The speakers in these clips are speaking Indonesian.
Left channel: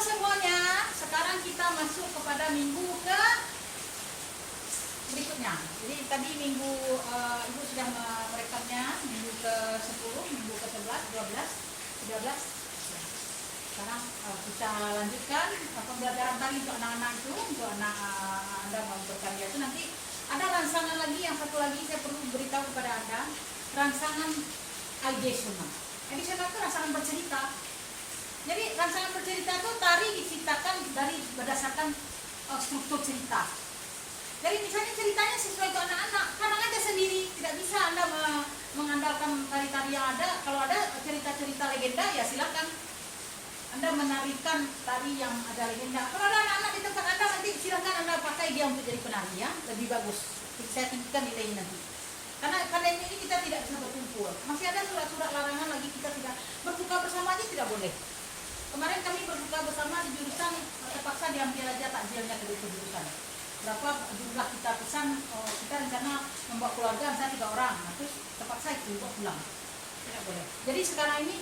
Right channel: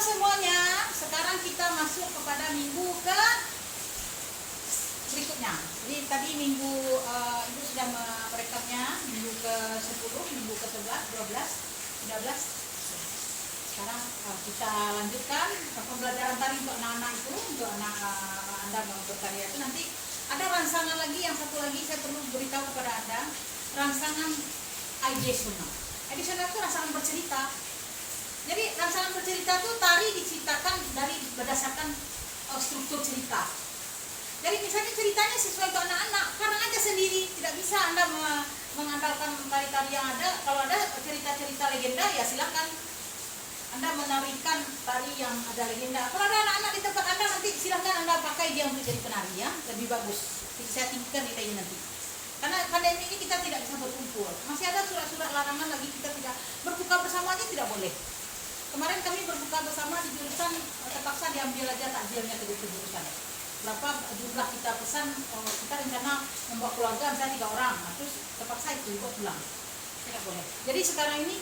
semuanya, sekarang kita masuk kepada minggu ke berikutnya. Jadi tadi minggu Ibu sudah merekamnya, minggu ke-10, minggu ke-11, 12, 13. Sekarang kita lanjutkan pembelajaran tari untuk anak-anak itu, untuk anak Anda mau berkarya itu. Nanti ada rangsangan lagi, yang satu lagi saya perlu beritahu kepada Anda, rangsangan Aidesunah. Aidesunah itu rangsangan bercerita. Jadi rangsangan bercerita itu tari diciptakan dari berdasarkan struktur cerita. Jadi misalnya ceritanya sesuai untuk anak-anak, karang aja sendiri, tidak bisa Anda mengandalkan tari-tari yang ada. Kalau ada cerita-cerita legenda ya silakan Anda menarikan tari yang ada legenda. Kalau ada anak-anak di tempat Anda, nanti silahkan Anda pakai dia untuk jadi penari ya, lebih bagus. Saya tinggikan nilainya nanti. Karena pandemi ini kita tidak bisa berkumpul. Masih ada surat-surat larangan lagi, kita tidak berbuka bersama aja tidak boleh. Kemarin kami berbuka bersama di jurusan, terpaksa diambil aja takjilnya ke jurusan. Berapa jumlah kita pesan, kita rencana membawa keluarga misalnya 3 orang, nah, terus terpaksa itu buat pulang. Tidak boleh. Jadi sekarang ini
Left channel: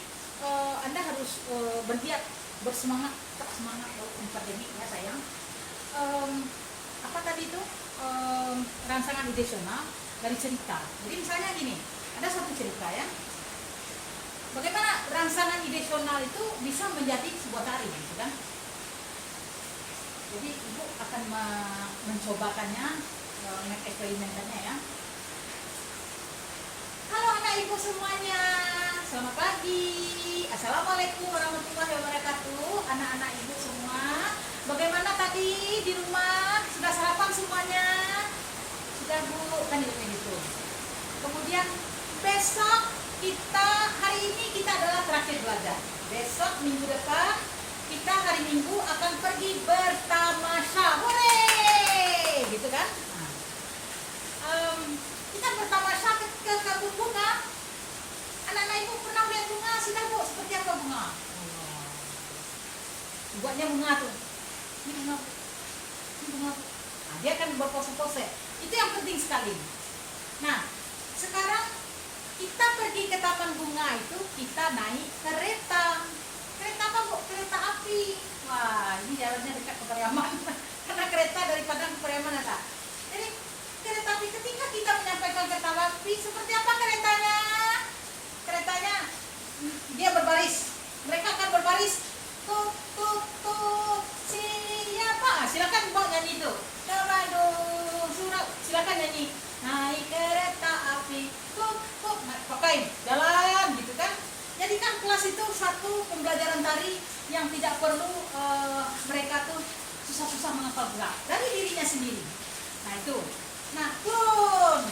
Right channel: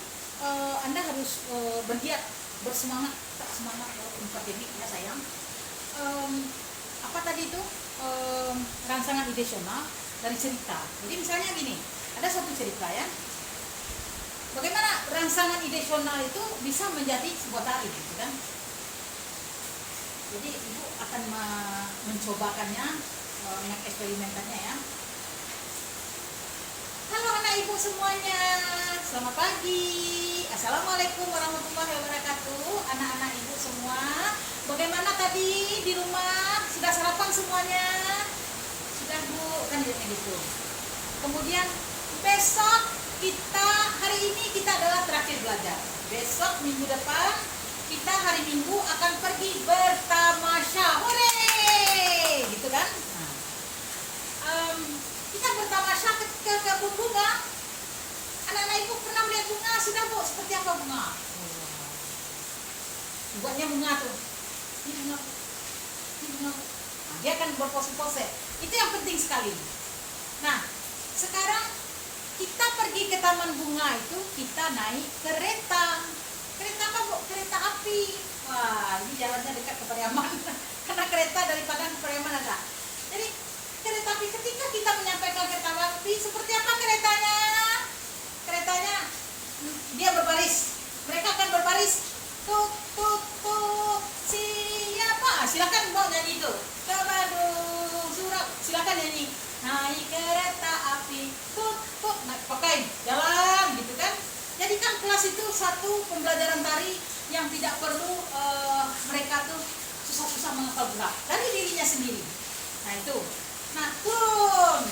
Anda harus bergiat, bersemangat, tak semangat akademik ya sayang. Apa tadi itu? Rangsangan idesional dari cerita. Jadi misalnya gini, ada satu cerita ya. Bagaimana rangsangan idesional itu bisa menjadi sebuah tari, gitu kan? Jadi Ibu akan mencobakannya, mengeksperimenkannya ya. Halo anak Ibu semuanya, selamat pagi. Assalamualaikum warahmatullahi wabarakatuh. Anak-anak Ibu semua, bagaimana tadi di rumah? Sudah sarapan semuanya? Sudah Bu, kan gitu. Kemudian besok hari ini kita adalah terakhir belajar. Besok minggu depan kita hari Minggu akan pergi bertamasya. Hore! Gitu kan? Kita bertamasya ke kebun bunga. Anak-anak Ibu pernah melihat bunga? Sudah Bu, seperti apa bunga? Buatnya bunga tuh. Ini bunga. Ini bunga. Nah, dia akan berpose-pose. Itu yang penting sekali. Nah, sekarang kita pergi ke taman bunga itu, kita naik kereta. Kereta apa Bu? Kereta api. Wah, ini jalannya dekat ke Pariaman. Karena kereta dari Padang ke Pariaman ada. Jadi kereta api, ketika kita menyampaikan kereta api, seperti apa keretanya? Keretanya dia berbaris. Mereka akan berbaris. Tut tut tut. Siapa? Silakan mau nyanyi itu. Ke Bandung Surab. Silakan nyanyi. Naik kereta api. Tut tut. Nah, pakai jalan gitu kan. Jadi kan kelas itu satu pembelajaran tari yang tidak perlu mereka tuh susah-susah menghafal gerak dari dirinya sendiri. Nah itu. Nah turun.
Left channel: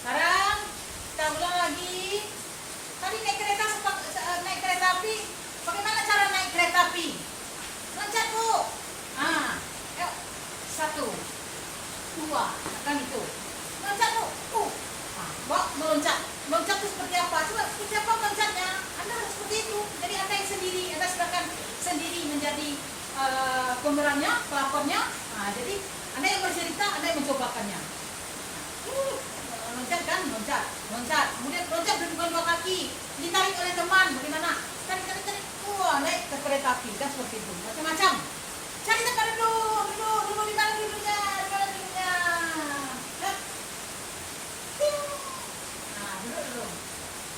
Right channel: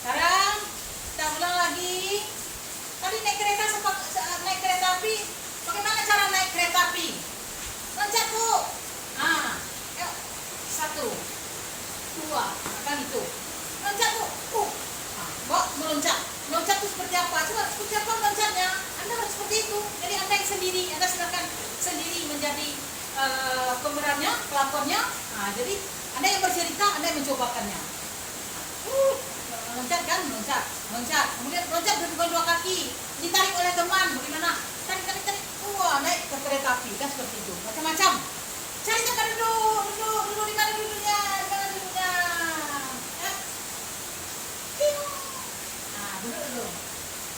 Sekarang kita ulang lagi. Tadi naik kereta api. Bagaimana cara naik kereta api? Loncat Bu. Nah, yuk. 1, 2, kan itu. Loncat Bu. Nah, meloncat. Meloncat itu seperti apa? Coba seperti apa meloncatnya? Anda harus seperti itu. Jadi Anda yang sendiri, Anda silakan sendiri menjadi pemerannya, pelakonnya. Nah, jadi Anda yang bercerita, Anda yang mencobakannya. Loncat kan? Loncat. Kemudian loncat dengan 2 kaki. Ditarik oleh teman. Bagaimana? Tarik. Wah, naik ke kereta api. Kan seperti itu. Macam-macam. Cari tempat duduk. Duduk di mana duduknya? Duduk dulu.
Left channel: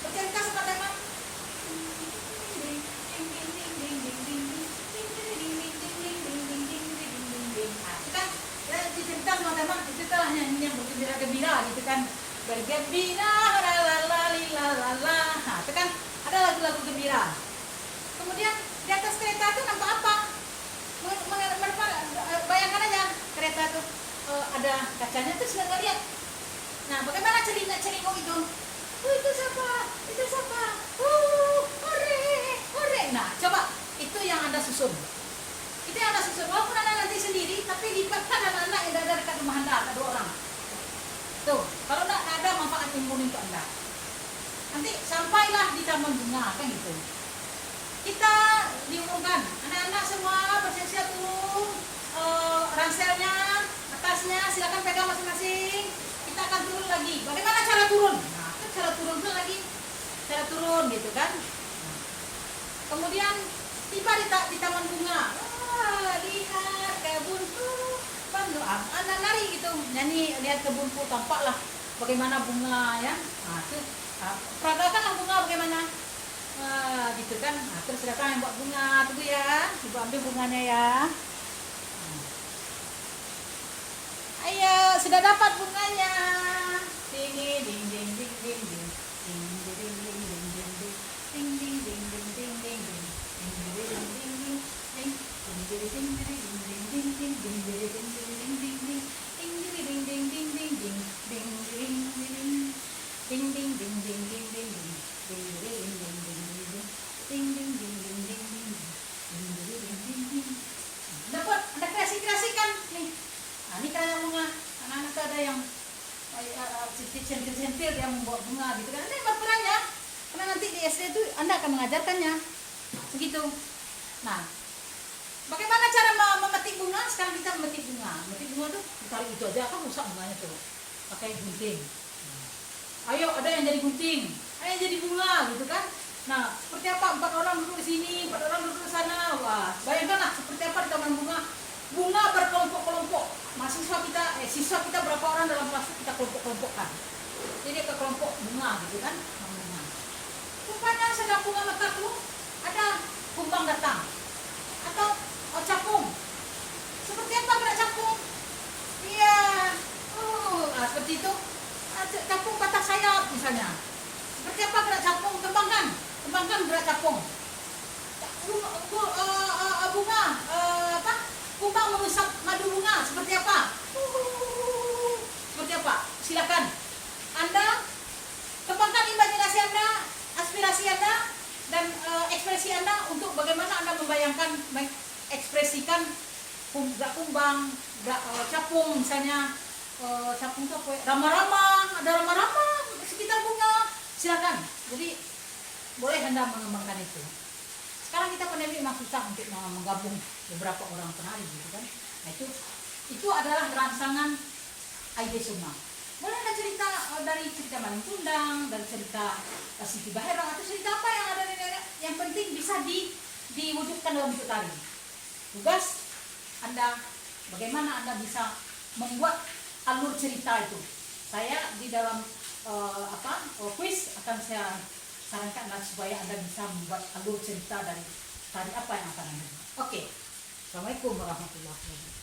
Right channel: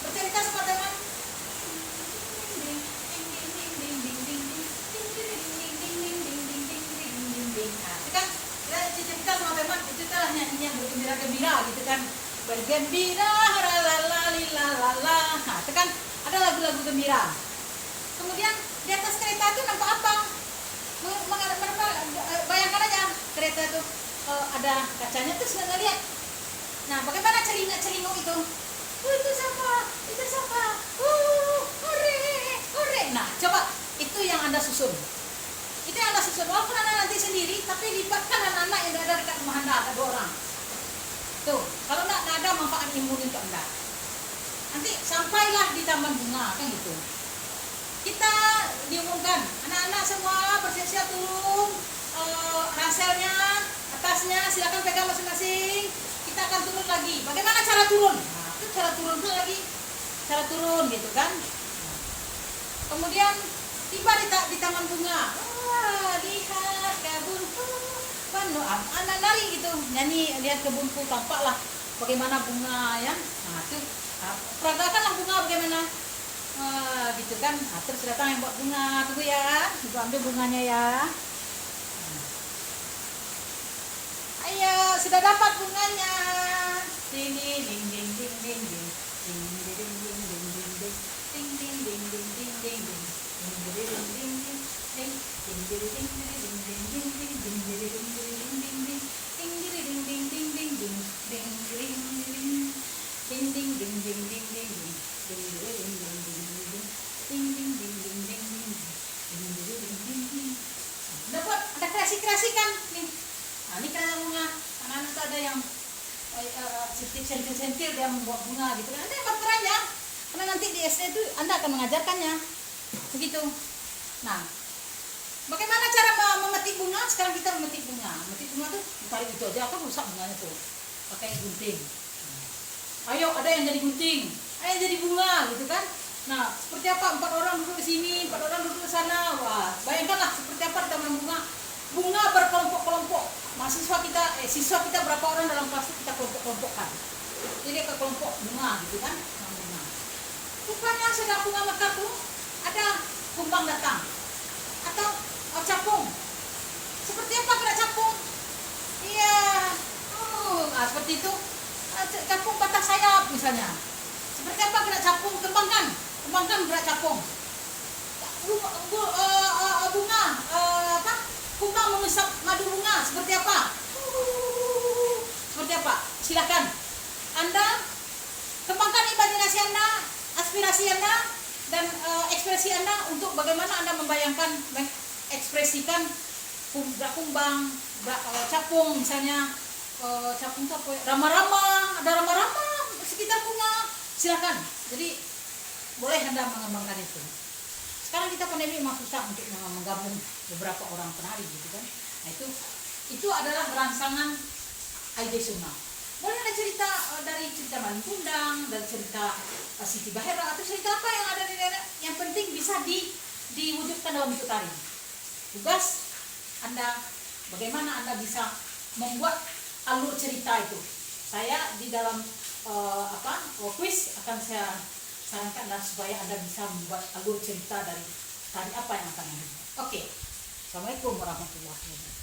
Bercerita sama teman. Nah, itu kan cerita sama teman, itu adalah nyanyi yang bergembira-gembira gitu kan. Bergembira, lalala. Nah, itu kan ada lagu-lagu gembira. Kemudian di atas kereta itu nampak apa? Bayangkan aja kereta itu ada kacanya terus nggak lihat. Nah, bagaimana celinguk itu? Itu siapa? Hore. Nah, coba itu yang Anda susun. Walaupun Anda nanti sendiri, tapi libatkan anak-anak yang ada dekat rumah Anda, ada 2 orang. Tuh, kalau tidak ada manfaat imun untuk Anda. Nanti sampailah di taman bunga, kan gitu. Kita diumumkan, anak-anak semua bersiap-siap turun, ranselnya, atasnya, silakan pegang masing-masing. Kita akan turun lagi. Bagaimana cara turun? Nah, itu cara turun dulu lagi. Cara turun gitu kan. Kemudian Tiba di taman bunga. Lihat kebunku penuh. Anak lari gitu, nyanyi lihat kebunku, tampaklah bagaimana bunga ya. Nah, itu peragakanlah bunga bagaimana. Gitu kan. Terus datang yang buat bunga, tunggu ya. Ibu ambil bunganya ya. Ayo, sudah dapat bunganya. Sini ding ding ding ding ding. Ding ding ding ding ding ding ding. Ding ding ding ding ding ding ding. Ding ding ding ding ding ding. Ding ding ding ding ding ding ding ding. Ding ding ding ding ding ding ding. Ding ding ding ding ding ding ding. Ding ding ding. Ding ding ding ding ding ding ding. Ding ding ding ding ding ding. Ding ding ding ding ding ding. Ding ding ding ding ding. Dapat, ada kreasi-kreasi kan nih. Ini karena bunga, karena itu ada yang sentil-sentil dia membuat bunga gitu kan. Ada yang perannya, karena nanti di SD itu Anda akan mengajarkannya begitu. Nah, bagaimana cara memetik bunga? Sekarang kita memetik bunga. Memetik bunga tuh tarik itu aja kan rusak bunganya tuh. Pakai gunting. Ayo, ada yang jadi gunting, ada yang jadi bunga gitu kan. Nah, seperti apa? 4 orang duduk di sini, 4 orang duduk di sana. Wah, bayangkanlah seperti apa di taman bunga. Bunga berkelompok-kelompok. Siswa kita berapa orang dalam kelas kita kelompok-kelompokkan. Jadi ke kelompok bunga gitu kan. Rupanya sedang bunga mekar tuh ada kumbang datang atau capung. Seperti apa gerak capung? Iya, seperti itu. Capung patah sayap misalnya. Seperti apa gerak capung? Kembangkan gerak capung. Bunga kumbang mengusap madu bunga seperti apa? Seperti apa? Silakan Anda kembangkan imajinasi Anda, aspirasi Anda, dan ekspresi Anda untuk bagaimana Anda membayangkan, mengekspresikan gerak kumbang, gerak capung misalnya. Capung itu apa ya? Rama-rama, ada rama-rama sekitar bunga. Silakan. Jadi boleh Anda mengembangkan itu. Sekarang kita pandemi memang susah untuk menggabung beberapa orang penari gitu kan. Nah itu adalah rangsangan Aida Suma. Boleh ada cerita dari cerita Malin Kundang, dari cerita Siti Baherang, atau cerita apa yang ada di nenek. Yang penting bisa diwujudkan dalam bentuk tari. Tugas Anda, bagaimana Anda bisa membuat alur cerita itu. Saya di dalam kuis akan saya sarankan supaya Anda bisa membuat alur cerita dari tadi apa yang akan Anda buat. Oke. Assalamualaikum warahmatullahi wabarakatuh.